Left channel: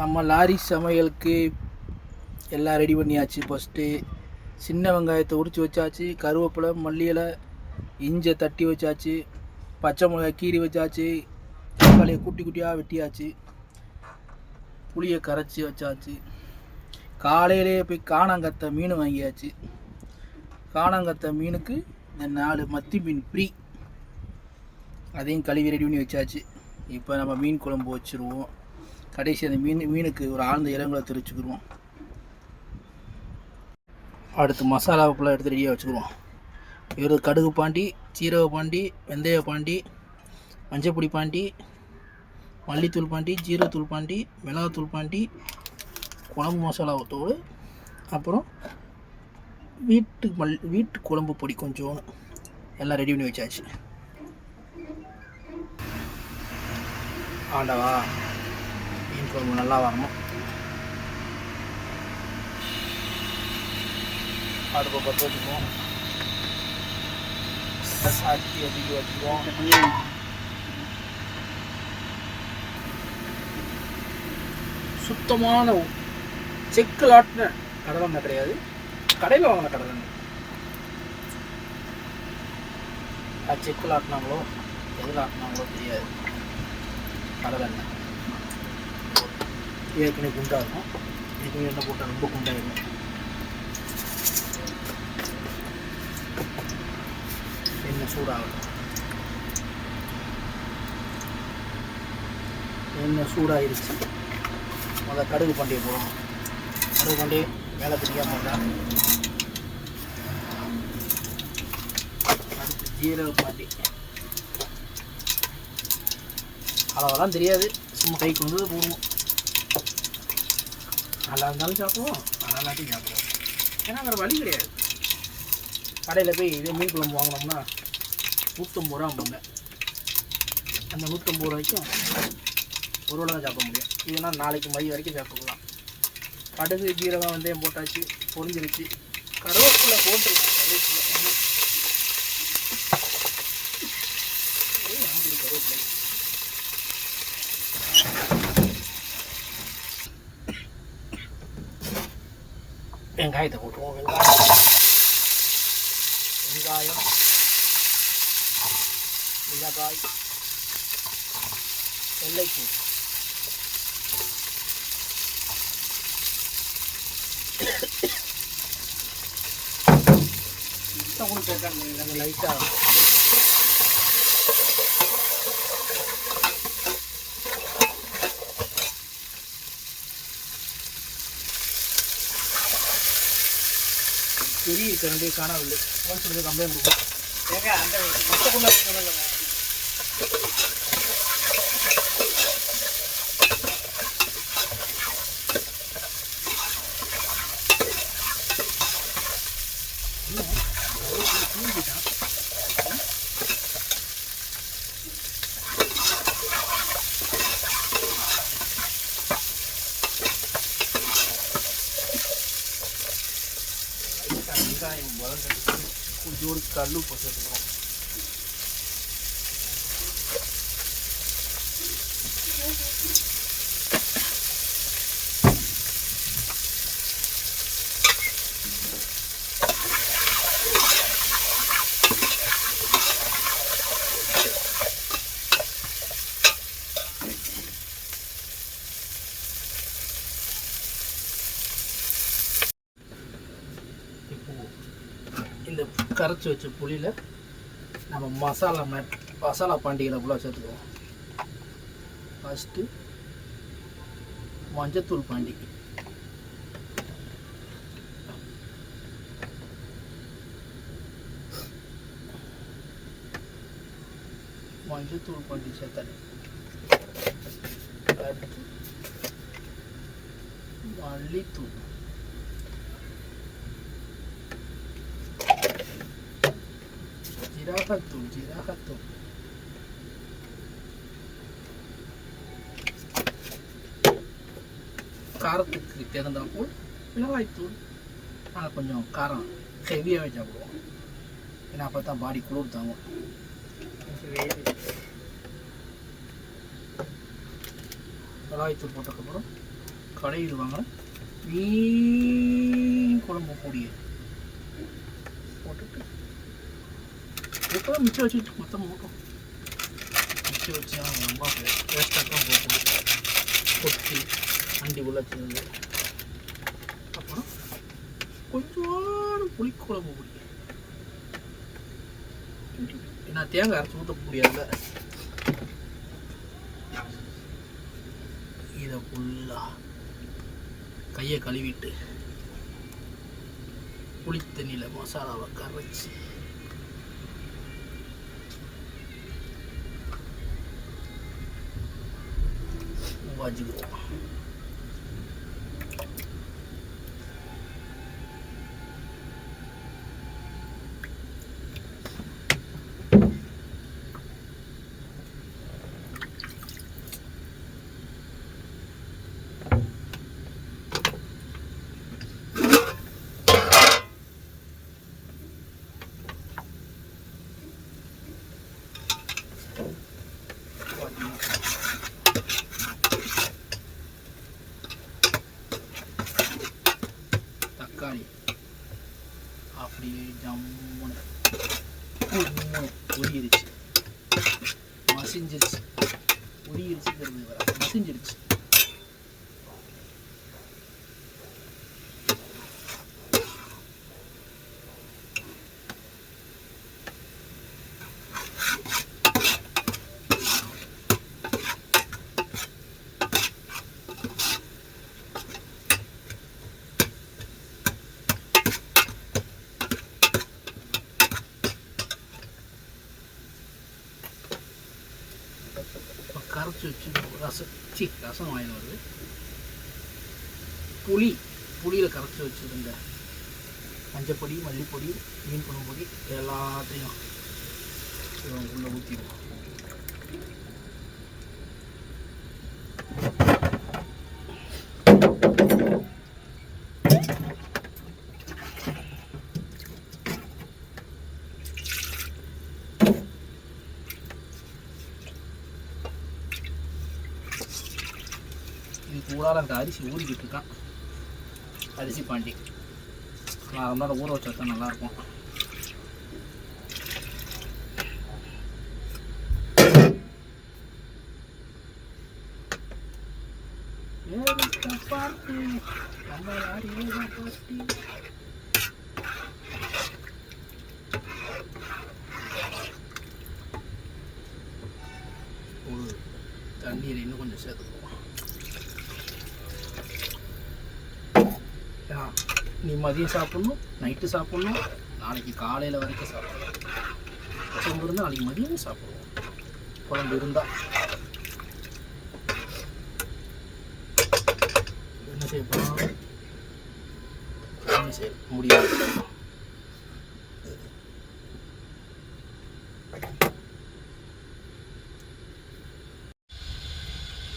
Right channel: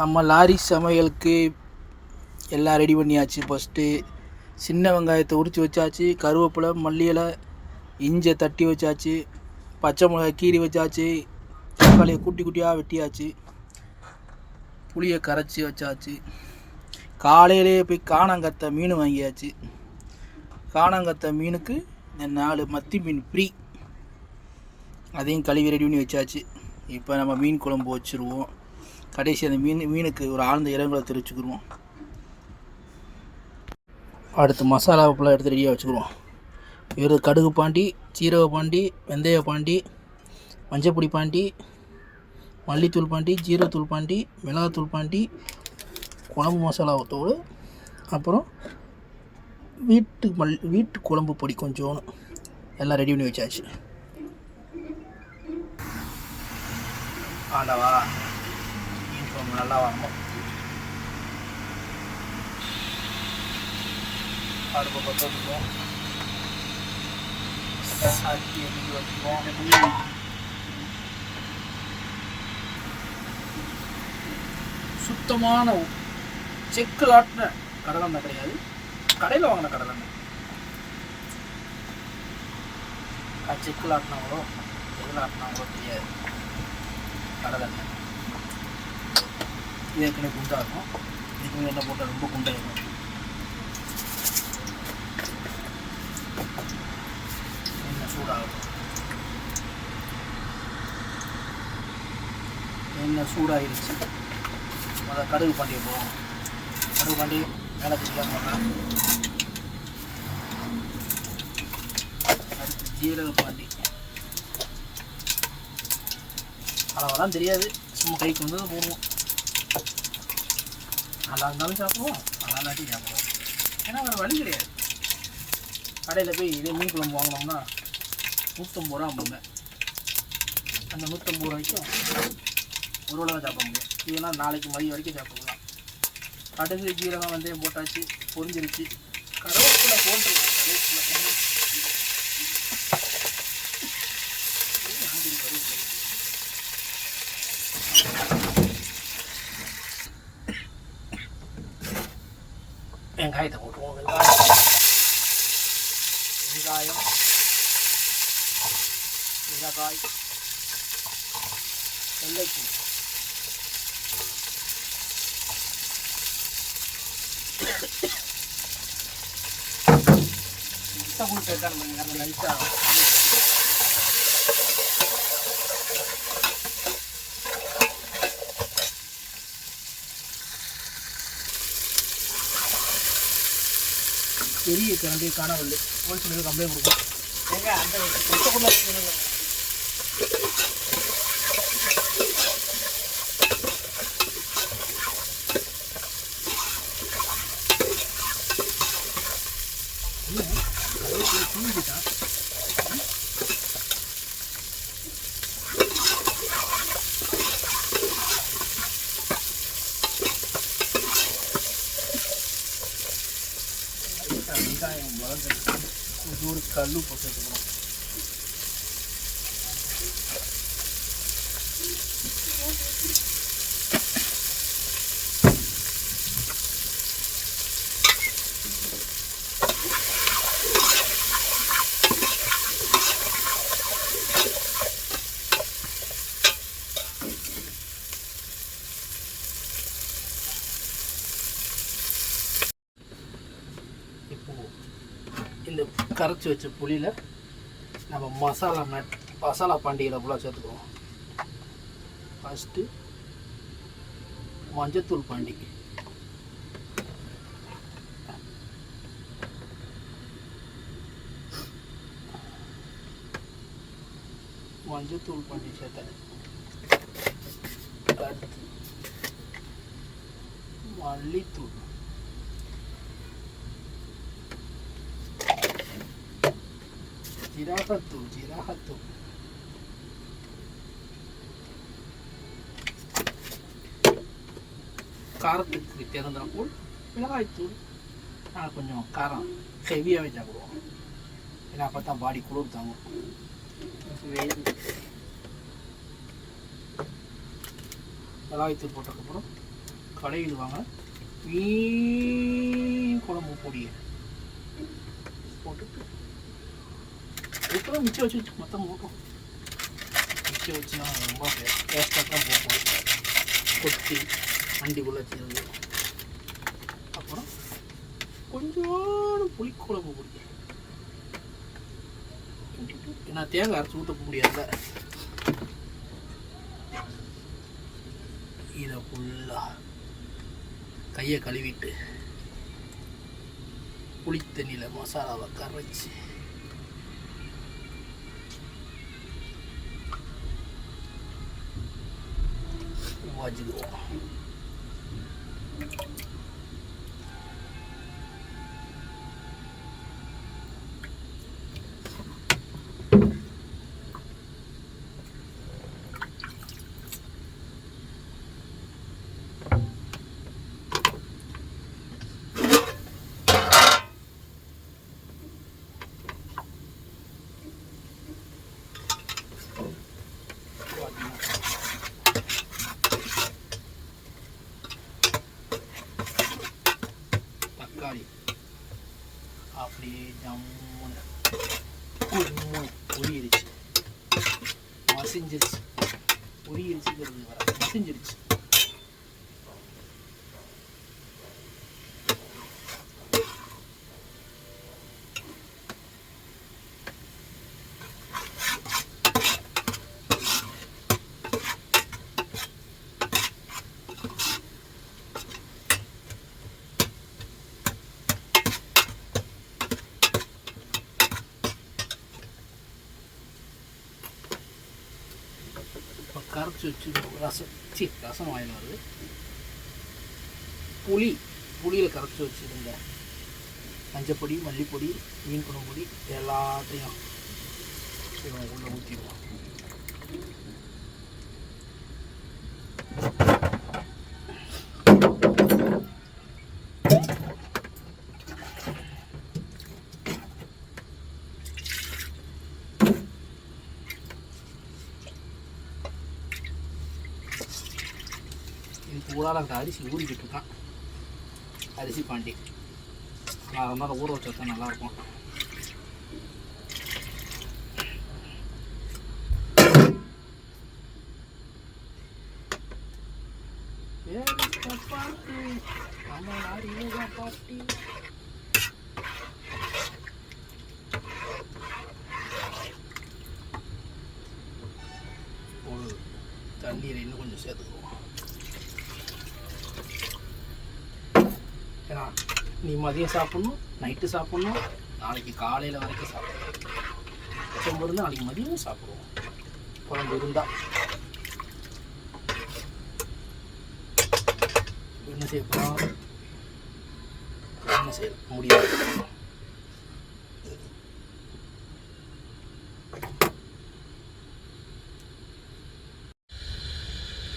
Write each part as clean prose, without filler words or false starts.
நம்ம லாரி சமையலுக்கு எல்லாம் ரெடி பண்ணியாச்சு. ஃபஸ்ட்டு சின்ன வெங்காயத்தை உரித்து வச்சாச்சு, கருவேப்பிலை, மல்லி இலை, இஞ்சியை தட்டி வச்சாச்சு, பச்சை மிளகாய் கீறி வச்சாச்சு, தக்காளியை குட்டி குட்டியாக வெட்டியாச்சு, புளியை கரைச்சி வச்சாச்சு. காலையிலேயே போய் காணாங்கத்தை மீன் வாங்கியாச்சு. காணாங்கத்தை மீனுக்கு 4 மத்தி மீன் ஃப்ரீ, அதையும் கழுவி ரெடி பண்ணி வச்சாச்சு. இப்போ நம்ம மீன் குழம்பு வச்சுருவோம். கடைசி அந்த மீனுக்கு ஒரு ஆழ்ந்த இறங்குல தெரிச்சுக்கிடுவோம். அடுத்து மசாலா உப்புலாம் எடுத்து ரெடியாக வச்சுக்கிடுவோம். வெறும் கடுகு பாண்டி, சீரக பாண்டி, வெந்தய பாண்டி, மஞ்சப்பொடி பாண்டி, மல்லித்தூள் பாண்டி, ஜீரகத்தூள் பாண்டி, மிளகாத்தூள் பாண்டி, குழம்பு மசாலா தூள், அப்புறம் வீட்டு குழம்பு பொடி கொஞ்சோன்னு எல்லாம் ரெடி பண்ணி வச்சாச்சு. ஆண்டவா, மீன் குழம்பு நல்லா வரணும். அடுப்பை பற்ற வச்சுக்குவோம். சாட்டி அடிக்க வச்சுக்குவோம். சுத்தமான செக்கு ஆட்டின கடலெண்ணெய் கிடையாது, கடையில் வாங்கின கடலெண்ணெய். செக்கில் ஆட்டினாங்களோ எதில் ஆட்டினாங்களோ தெரியாது. கடலெண்ணெய் ஏற்கனவே குண்டாக இருக்கும். இதுக்கு எண்ணெய் போட்டால் ரொம்ப குண்டாகிடும். எண்ணெய் சூடாகும். எண்ணெய் சூடாகிடுச்சு. முதல்ல கடுகு பண்ணிடுவோம். கடுகு பண்ணி மேலே பிடிக்காம போடுறேன். அடுத்து ஜீரக பாண்டி. அளவெல்லாம் தெரியாது, சும்மா கைக்கு வந்தது போடுவோம். நல்லா இருந்தாலும் சாப்பிடுவோம், நல்லா இல்லாட்டியும் சாப்பிடுவோம். ஏன்னா வேறு வழி கிடையாது. கடையில் போய் இதே மீன் குழம்பு வாங்கினோம்னா 150 ரூபா போங்க. அந்த 150 ரூபாய்க்கும் ஒரு வேளை தான் சாப்பிட முடியும். இதெல்லாம் நாளைக்கு மதியம் வரைக்கும் சாப்பிடலாம். கடுகு, ஜீரகம், வெந்தயம் போட்டாச்சு, பொரிஞ்சிருச்சு. கருவேப்பிலை போட்டுருவோம். கருவேப்பிலை வெங்காயத்தை போட்டுருவோம். வெங்காயம், மிளகாய், வெள்ளைப்பூ, சேர்க்காம லைட்டாக பெரிய கரண்டியை காணவில்லை. கொஞ்சம் கம்ப்ளைண்ட் கொடுக்கும். வெங்காயம் வளர்ந்து கொஞ்சோடு கல்லு போட்டுக்கணும். இந்த கரைச்சி வச்ச புளியில் நம்ம மசாலா பாண்டிகளை ஃபுல்லாக சேர்த்துக்குவோம். ஃபஸ்ட்டு மஞ்சத்தூள் பாண்டி, சேர்த்தாரு. அடுத்து மல்லித்தூள், ஜீரகத்தூள், காரத்துக்கு தகுந்தாற்போல் மிளகாய்த்தூள். ஆனால் கொஞ்சம் காரம் ஹெவியாகவே சாப்பிடுவோம், ஏன்னா அப்போ தான் பாடி குளிர் தாங்கும். மிளகாய்த்தூள் போட்டதுக்கப்புறம் கடையில் வாங்க மீன் குழம்பு பொடியை போட்டுட்டு எப்போ மிச்சம் வச்சுட்டு மொத்தம் போட்டோம். மிச்சம் வச்சு ரொம்ப டேஸ்ட்டாக தான் போகும். கொட்டி அண்டிக்குள்ளே வச்சுருந்து அப்புறம் கொஞ்சம் புளிக்குழம்பு பொடி. நான் தேங்காய் அரைச்சி ஊற்ற முடியாதுல்ல. இதை ஃபுல்லாக கையை கழுவிட்டு புளி தண்ணியில் மசாலாவை கரைச்சி வச்சுக்குவோம். தக்காளி அப்படியே ஜம்முன்னு உரியிருச்சு, மசிஞ்சிருச்சு. உரியிருச்சுங்கிறது வர மசிஞ்சிருச்சு. கரைச்சி வச்சு ரசம் வாங்கி வருது. புளியில் கரைச்சி வச்சுருந்த மஞ்சப்பொடி, மல்லிப்பொடி, மீன் குழம்பு பொடி எல்லாத்தையும் உள்ளே ஊற்றிடுவோம். கூடாது அந்த அரிசி ஊறிக்கிட்டு இருக்கான். அரிசி பாண்டி நான் ரொம்ப ஊற வச்சா தான் நல்லாயிருக்கும். தண்ணீர் இன்னும் கொஞ்சம் சேர்த்துக்குவோம். ஏன்னா நீ மதியம் சாப்பிட்ணும், நைட்டு சாப்பிட்ணும், நாளைக்கு காலையில் வரைக்கும் சாப்பிடணும். குழம்பு இருந்தால் நாளைக்கு மதியமும் சாப்பிடுவோம். குழம்பு இருந்தால் என்ன செய்ய போகிறோம், என்ன செய்ய முடியாது.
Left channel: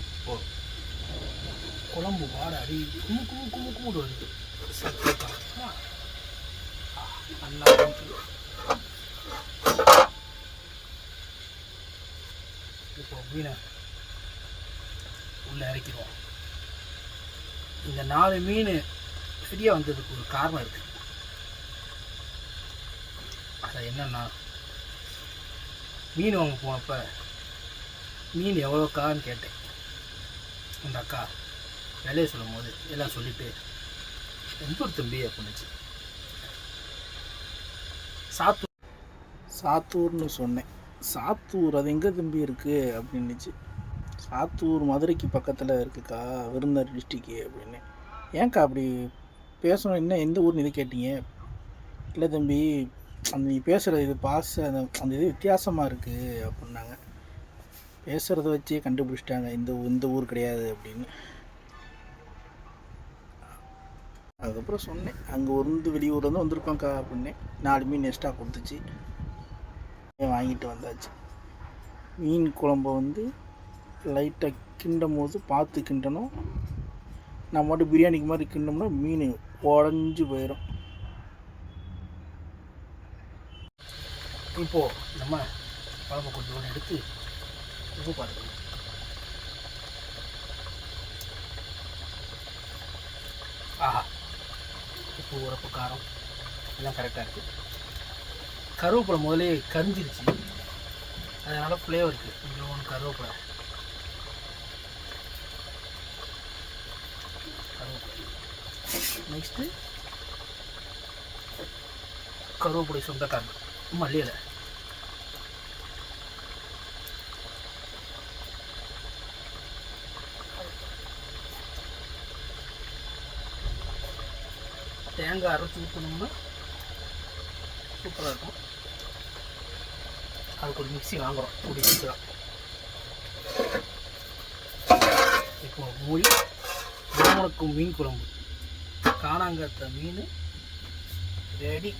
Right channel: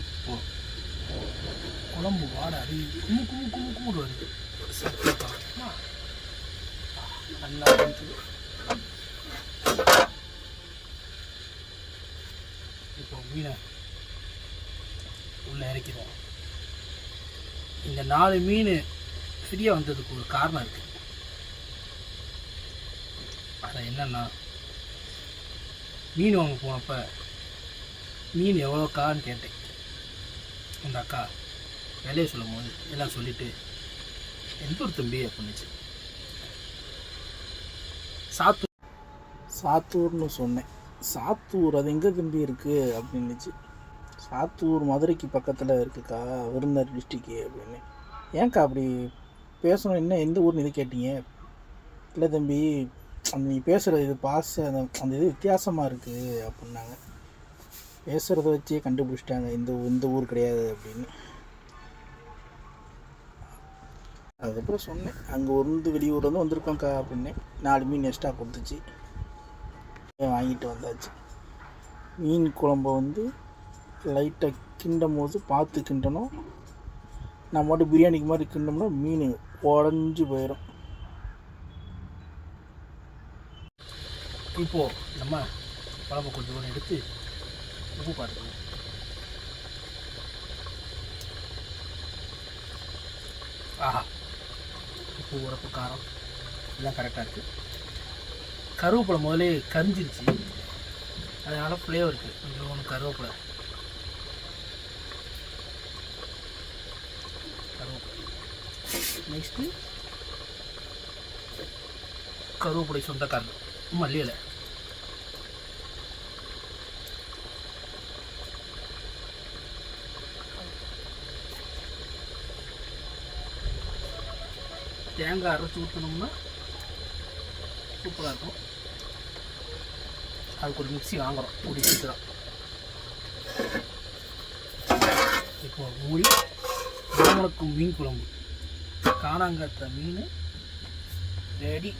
இப்போ குழம்பு வாட அடி கும்பு வருது. நல்லா இப்போ மீனை உள்ளே இறக்கிடுவோம். இந்த 4 மீன் ஃப்ரீயாக வந்ததுக்கு ஒரு காரணம் இருக்குது. அது என்னன்னா, மீன் வாங்க போனப்போ மீன் எவ்வளோக்கான்னு கேட்டேன். இந்த அக்கா விலையை சொல்லும் போது எல்லாம் சொல்லிவிட்டு எந்த ஒரு தம்பி அப்படின்னுச்சு. சாத்தூர்னு சொன்னேன். சாத்தூர் அது எங்கே தம்பி இருக்குது அப்படின்னுச்சு. சாத்தூர் மதுரைக்கு பக்கத்தில் இருக்குக்கா, விருதுநகர் டிஸ்ட்ரிக்கு அப்படின்னு. ஏன்க்கா அப்படி பேசணும், என்ன எந்த ஊர்னு இது கேட்டீங்க? இல்லை தம்பி, அந்த நீ பேசுகிற இது அந்த இது வித்தியாசமாக இருக்குது அப்படின்னாங்க. பேசுகிறத வச்சே கண்டுபிடிச்சிட்டாங்க இந்த ஊர் கிடையாது அப்படின்னு. அதுக்கப்புறம் சொன்னேன், அங்கே வெளியூர்லேருந்து வந்திருக்கோங்க்கா அப்படின்னேன். 4 மீன் எக்ஸ்ட்ரா கொடுத்துச்சு, வாங்கிட்டு வந்தாச்சு. மீன் குழம்பை லைட்டாக கிண்டும் போது பார்த்து கிண்டணும். நான் மட்டும் பிரியாணிக்கு மாதிரி கிண்டோம்னா மீன் உடஞ்சி போயிடும். இப்போது நம்ம குழம்பு கொஞ்சம் எடுத்து உப்பு பார்த்துக்கணும். உப்பு உரப்பு காரம் எல்லாம் கரெக்டாக இருக்குது. கருவேப்பிலை முதலே கரிஞ்சிருச்சு, அதனால் ஃப்ளேவர் இருக்குது. இதில் ஒன்று கருவேப்பிலை நெக்ஸ்ட்டு கருவேப்பிலை சொந்தக்காரங்க மல்லி இலை. தேங்காய் அரைச்சி ஊற்றணும்னா சூப்பராக இருக்கும். அதுக்கு ஒரு மிக்ஸி வாங்குகிறோம் கூடி சீக்கிரம். இப்போ மூடி மீனுக்கும் மீன் குழம்பு காணாங்கத்த மீன் ரெடி.